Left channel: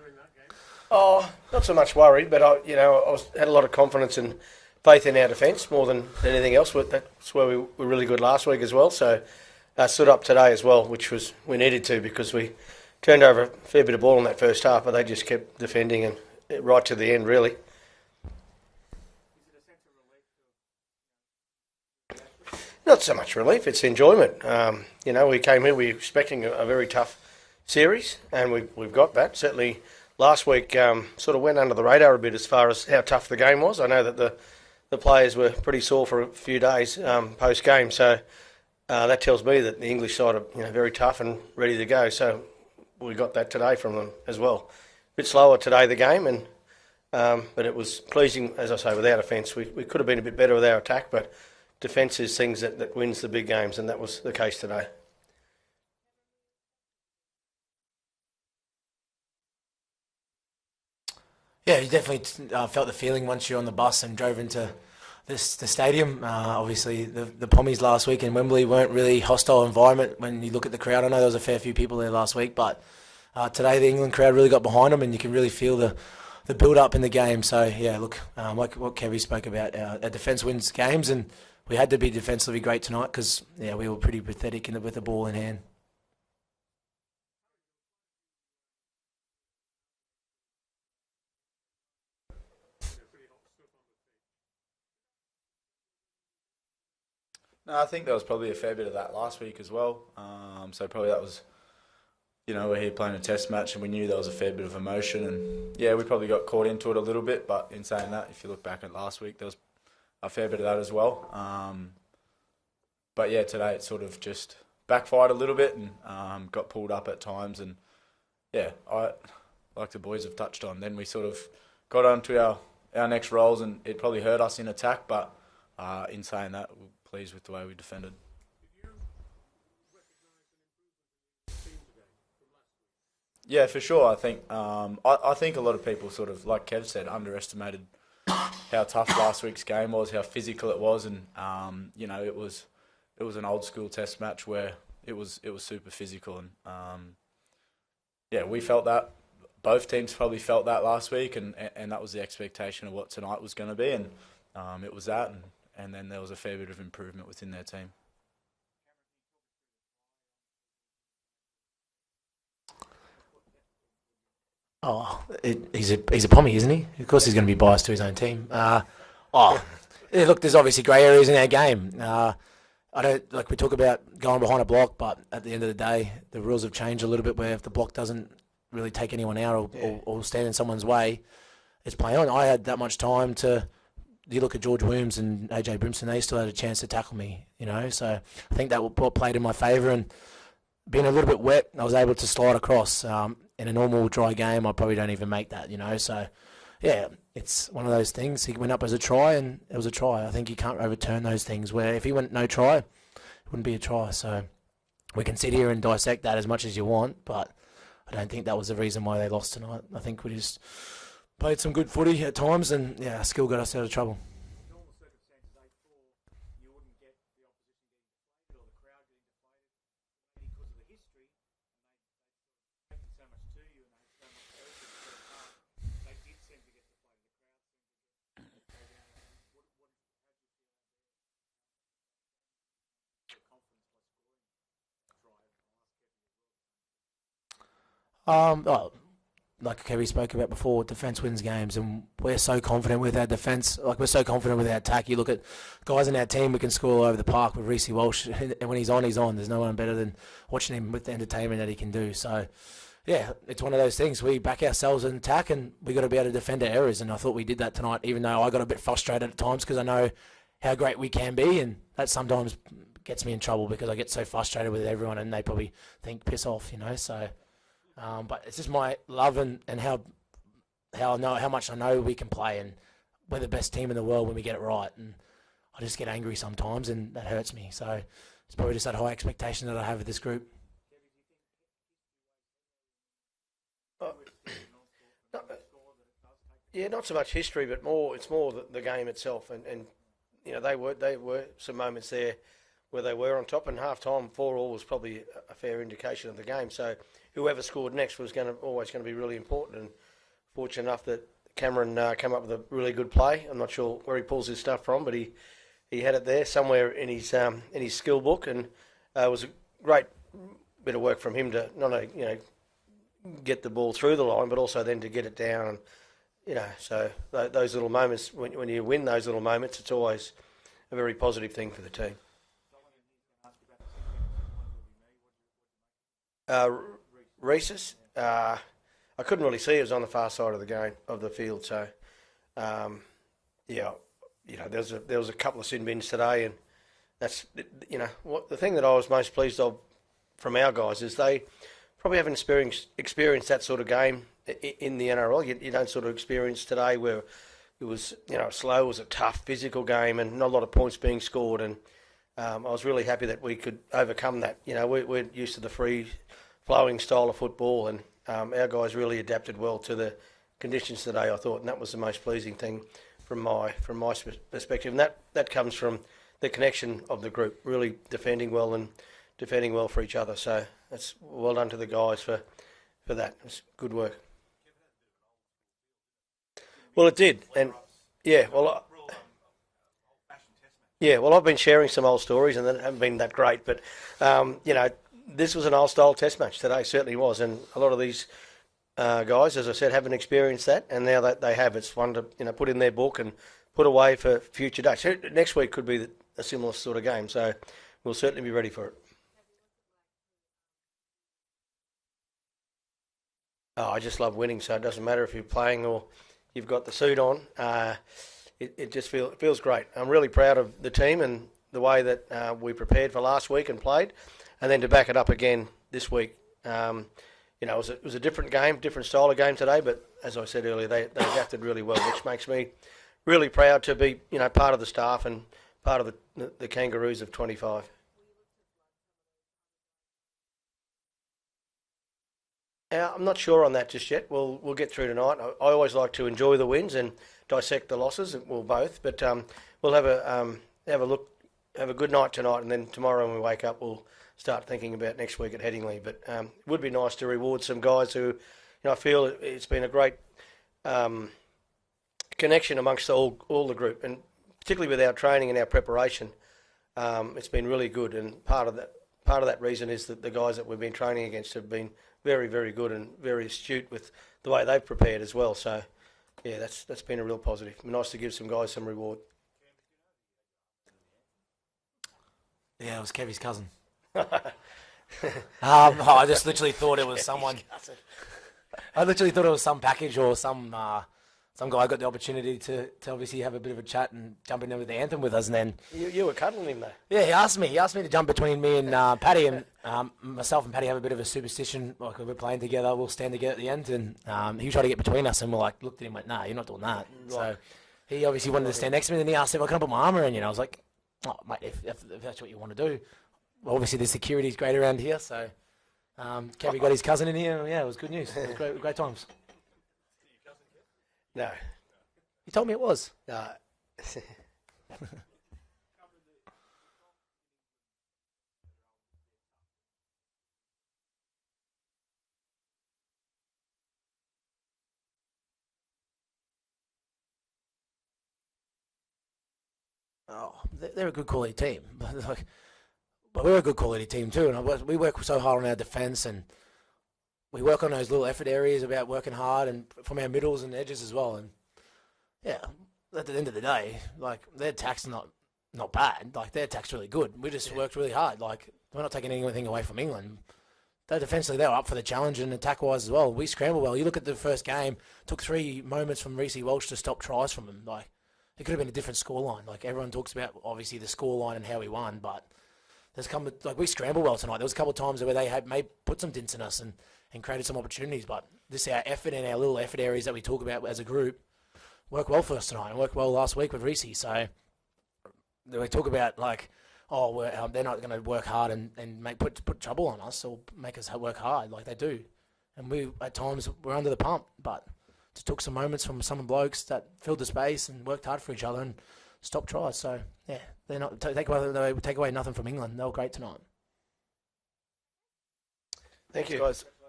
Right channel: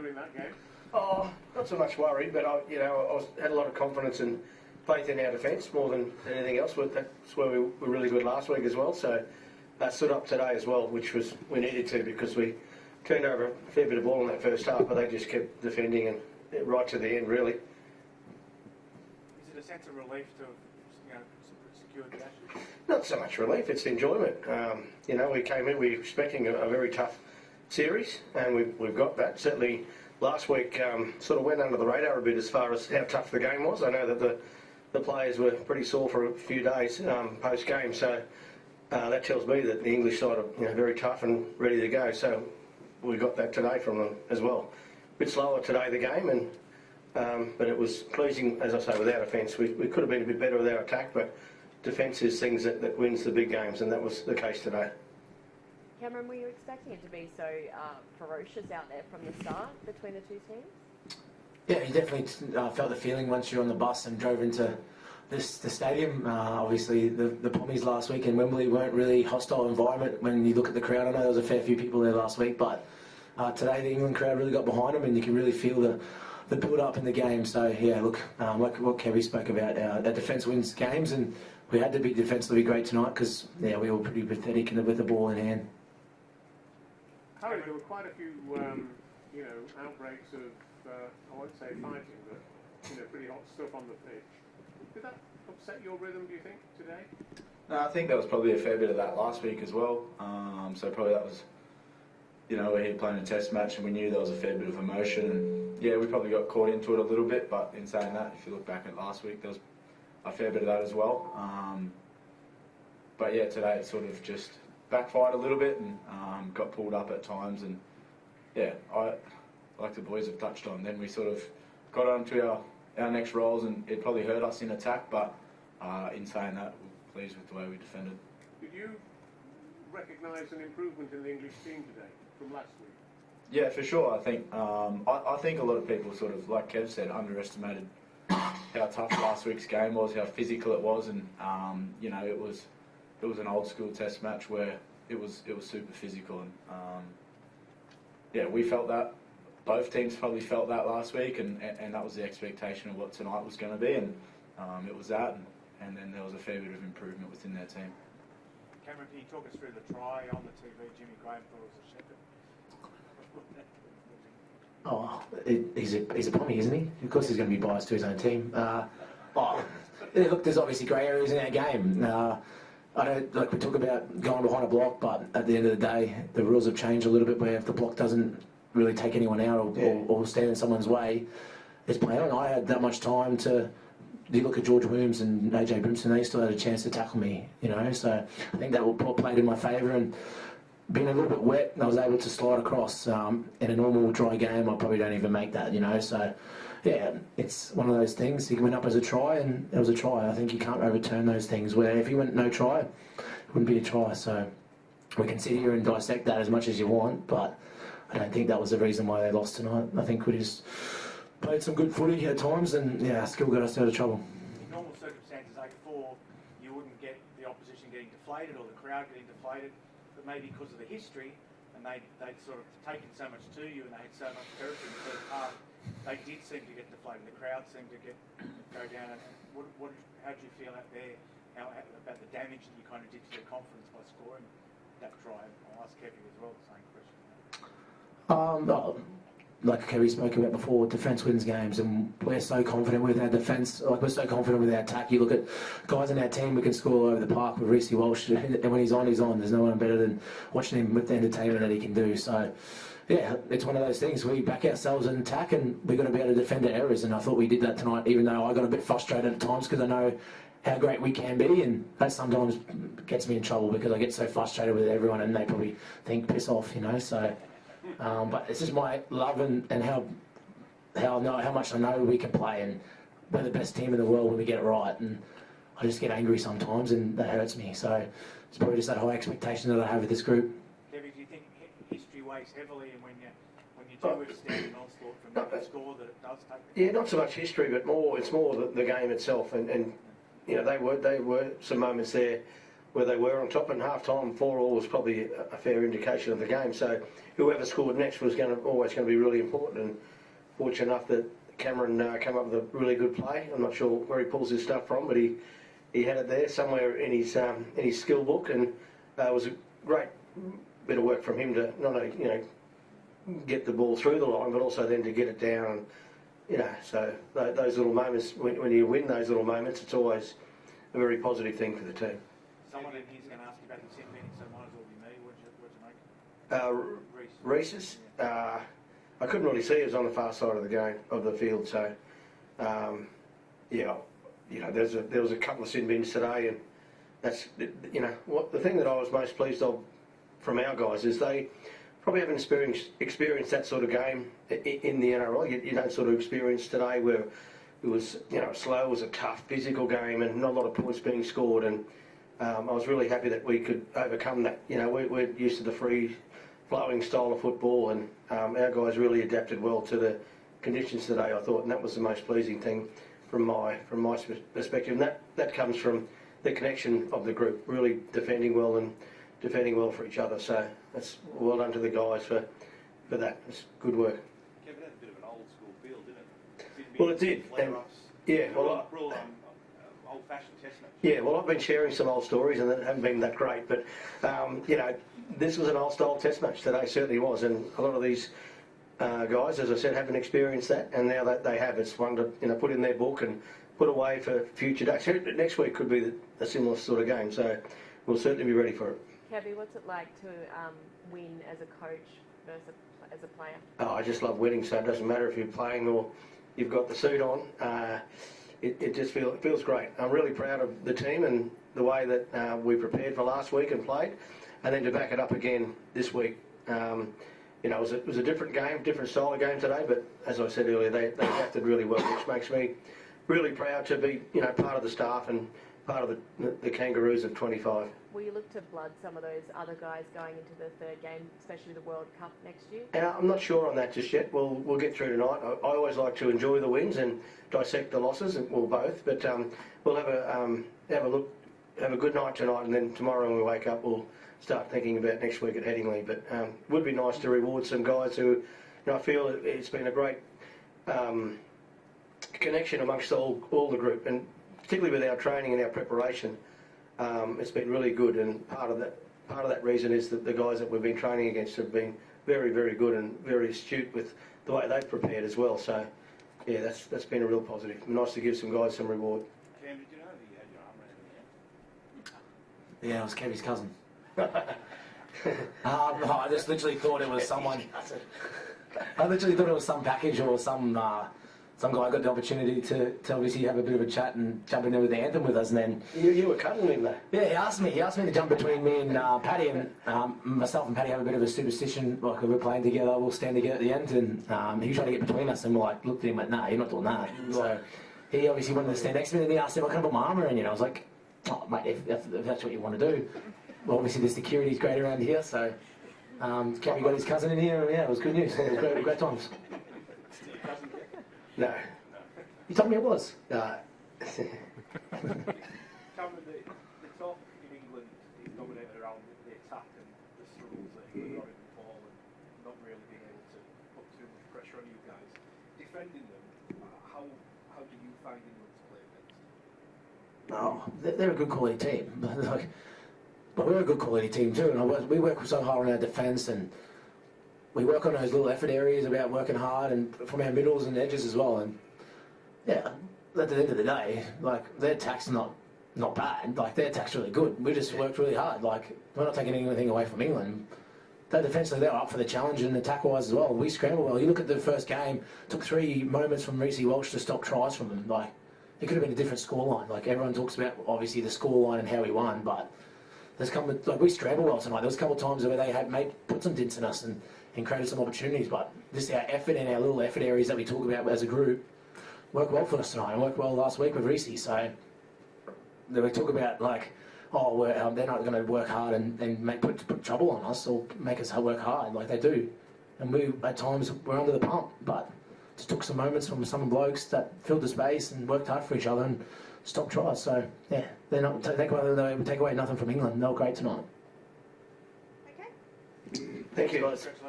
during that game? Oh, not so much worried, but had a lot of confidence and faith in our defence more than anything else. That's where we were really good last week as well. So stood up today as well, which was we needed to because we turned over a fair bit of ball in that first half, but they just kept defending and right to the end, really. Is it a sense of relief to secure the Ashes? Not so much relief; it's enjoyment. We came here, we were expecting a very tough series, and we've got that. Certainly, last week sort of went under the radar a bit as far as how tough the game was. I know that the players were pretty sore for a few days post game, so that tells me that the English side are very tough and ready to go. So we got that today from them as well. A bit slower today the game, but it was pleasing, as I say, with our defence. We could have been a bit better with our attack, but defence is things that wins the big games, and that was the case today. Cameron, were you expecting it to be so ferocious out there from the start between the two teams? Yeah, you definitely felt the feeling once you're on the bus and drove into the stadium. Obviously, the Pommies last week in Wembley weren't really hostile environment when you look at the crowd. I know there was a fair few people there last week, but today the England crowd really got behind them, and you can really feel the build-up in the game. So, yeah, look, like what Kevy spoke about, our defence wins games, and we had to be defensively great tonight because, we were pretty pathetic with the ball in hand. Harry, there were quite a few, outbreaks of, I won't say fighting, but, pretty hot stuff on the pitch. Did that upset your rhythm, do you think, today? I think there was probably a fair bit of that last week as well. So probably that was, we're here playing a test match and we knew there was a fair bit of emotion. And, we probably got caught into it a little bit. But in saying that, if you look back at last week, there was a fair bit of that as well. But, today it sort of just backfired a little bit and got pulled up at times. And, like the boys have touched on, then we sort of got on to our next roles, and it probably hurt us in attack, but in saying that, we're pleased with the way we defended. Did you recognise an improvement in the English team today from last week? Yeah, for sure. I think I think a lot of people sort of, like Kev said, underestimated how tough last week's game was, how physical it was, and it was an old school test match where it was super physical, and we felt that. Both teams probably felt that last week, and that was the expectation of what tonight was going to be, and it was that, and then there was a fair bit of improvement within their team. Cameron, can you talk us through the try on the TV? Jimmy Graham thought it was a shepherd. He's a Pommy, isn't he? Of course he's going to be biased to his own team. Look, there's obviously grey areas in our game. I don't we talk about going behind a block, but at the end of the day, the rules have changed a little bit where if the block doesn't really take anyone out or stand in someone's way, it's play on. I had that much time to. You look at George Williams and AJ Brimson; they still had a chance to tackle me. So I think that played in my favour. And being a little bit wet, I was able to slide across. In a normal dry game, I probably don't even make that. So it's one of those things. He went up as a try, and it was a try. I think you can't overturn those things. Where if he went no try, it wouldn't be a try. So we can sit here and dissect that as much as you want, but I don't think that was the reason why they lost tonight. I think we just played some good footy at times, and skill got us out of trouble. In normal circumstances, you wouldn't get the opposition getting deflated or the crowd getting deflated, but maybe because of the history, and they'd sort of taken so much to you and they had so much territory in the first half, they did seem to get deflated. The crowd seemed to go down. And how do you feel out there? About the damage that you kind of did to their confidence by scoring that try? I'll ask Kevin as well the same question. Like Kevin spoke about before, defence wins games, and we're so confident with our defence. We're so confident with our attack. You look at guys in our team who can score all over the park with Reece Walsh, and when he's on, he's on. There's no one better than watching him with the entertainment that he can do. So, it's one of those things. We back ourselves in attack, and we've got to be able to defend our errors, and I thought we did that tonight, even though I got a bit frustrated at times because I know how great we can be, and that sometimes gets me in trouble because I get so frustrated with everyone, and they probably think, piss off, so... but it's just my love and how much I know we can play, and we're the best team in the world when we get it right, and I just get angry sometimes and that hurts me. So it's probably just that high expectation that I have of this group. Kevin, do you think history weighs heavily, and when you do withstand an onslaught from the score that it does take? Yeah, not so much history, but it's more the game itself, and they were some moments there where they were on top, and half-time 4-4 was probably a fair indication of the game. So whoever scored next was always going to be really important. And fortunate enough that Cameron came up with a really good play. I'm not sure where he pulls his stuff from, but he had it there somewhere in his skill book, and it was a great bit of work from him to not only get the ball through the line, but also then to get it down. And so those little moments, when you win those little moments, it's always a very positive thing for the team. Someone in here's going to ask you about the sin bin, so it might as well be me. What'd you make? Reese's. I couldn't really see it was on the far side of the field. So there was a couple of sin bins today, and that's the thing that I was most pleased of from our guys is they probably haven't experienced that sort of game in the NRL. You don't sort of experience today where it was slow, it was a tough physical game, and not a lot of points being scored. And I was really happy that we could overcome that. We're used to the free flowing style of football, and our guys really adapted well to the conditions today, I thought, and that was the most pleasing thing from my perspective. And that comes from the connection of the group, really defending well for each other. So that's well done to the guys for that. It's good work. Kevin had a bit of an old school feel, didn't it? Well, it did, and yeah, well, old-fashioned testament. Yeah, well, I've been sharing some old stories, and they haven't been that great, but this was an old-style test match today. Certainly was, and a lot of these guys, as I said, haven't experienced that, and now that they have, it's one to put in their book and put away for future days. So next week could be a similar sort of game, so we'll certainly be ready for it. Kevy, what's it like to win as a coach versus as a player? Oh, I just love winning, so it doesn't matter if you're playing or you've got the suit on. It just feels great. I'm really proud of the team and the way that we prepared for last week and played, and then to back it up again this week. It was a different game, different style of game today, but as I said earlier, they adapted really well, which makes me really proud to be part of the staff and part of the Kangaroos of 25. Will you look to blood some of those other guys going into the third game, especially the World Cup next year? I'm not sure on that just yet. We'll get through tonight. I always like to enjoy the wins and dissect the losses, or both. But we'll have a good night tonight, and then tomorrow when we wake up, we'll start thinking about next week at Headingley. But it would be nice to reward some guys who, I feel it's been a great connection amongst all the group, and particularly with our training and our preparation. It's been really good, and part of that reason is that the guys that we've been training against have been very, very good and very astute with the way they've prepared as well. So, yeah, that's been a real positive. Nice to give some guys some reward. Cam, did you know that you had your arm around him? Yeah, it was Kevy's cousin. I just literally thought it was someone. I literally thought it was some package or some guy got the opportunity to obviously have a bit of a chat and jump in there with the anthem with us, and then You were cutting him there. yeah, he asked me to jump between me and Paddy, and myself and Paddy have a bit of a superstition. Like if we're playing together, we'll stand together at the end, and he tried to get between us, and we're like, looked at him like, nah, you're not doing that. So he obviously wanted to stand next to me, and he asked him, "I can't put my arm around you." And I was like, "Oh, mate, if that's what you want to do." Well, obviously the security's great around here, so Kevy got his cousin in here. Yeah, it was good news. It was great times. No. You told me it was. Cameron, the talk in England is dominated around the attack and the struggles that England got in the fall and not really being able to put too much pressure on you guys. Defending them, how do you find England to play against? Oh, they're a good quality team, but we're a good quality team too. And we work so hard on our defence, and we work on those little effort areas about working hard, and from our middles and edges as well. And yeah, at the end of the day, their attack's not bad. Their attack's really good. We just worked really hard. We're not taking anything away from England. That defensively, they were up for the challenge, and attack-wise as well. We scrambled well. You look at the first game, took 3 moments from Reece Welch to stop tries from them. It could have been a different scoreline. Everyone talks about obviously the scoreline and how we won, but we scrambled well tonight. There was a couple of times where they had put some dints in us and created some opportunities, but our effort and our little effort areas that we talk about as a group worked well for us tonight. Worked well last week with Reece. So we talk about they're not going to work hard and put trouble on us or make us work hard like they do. And we at times we're under the pump, but just took some moments from some blokes that filled the space and worked hard for each other. And stop tries. So yeah, they're not take away nothing from England. They were great tonight. Okay. Thank you, guys. Congratulations.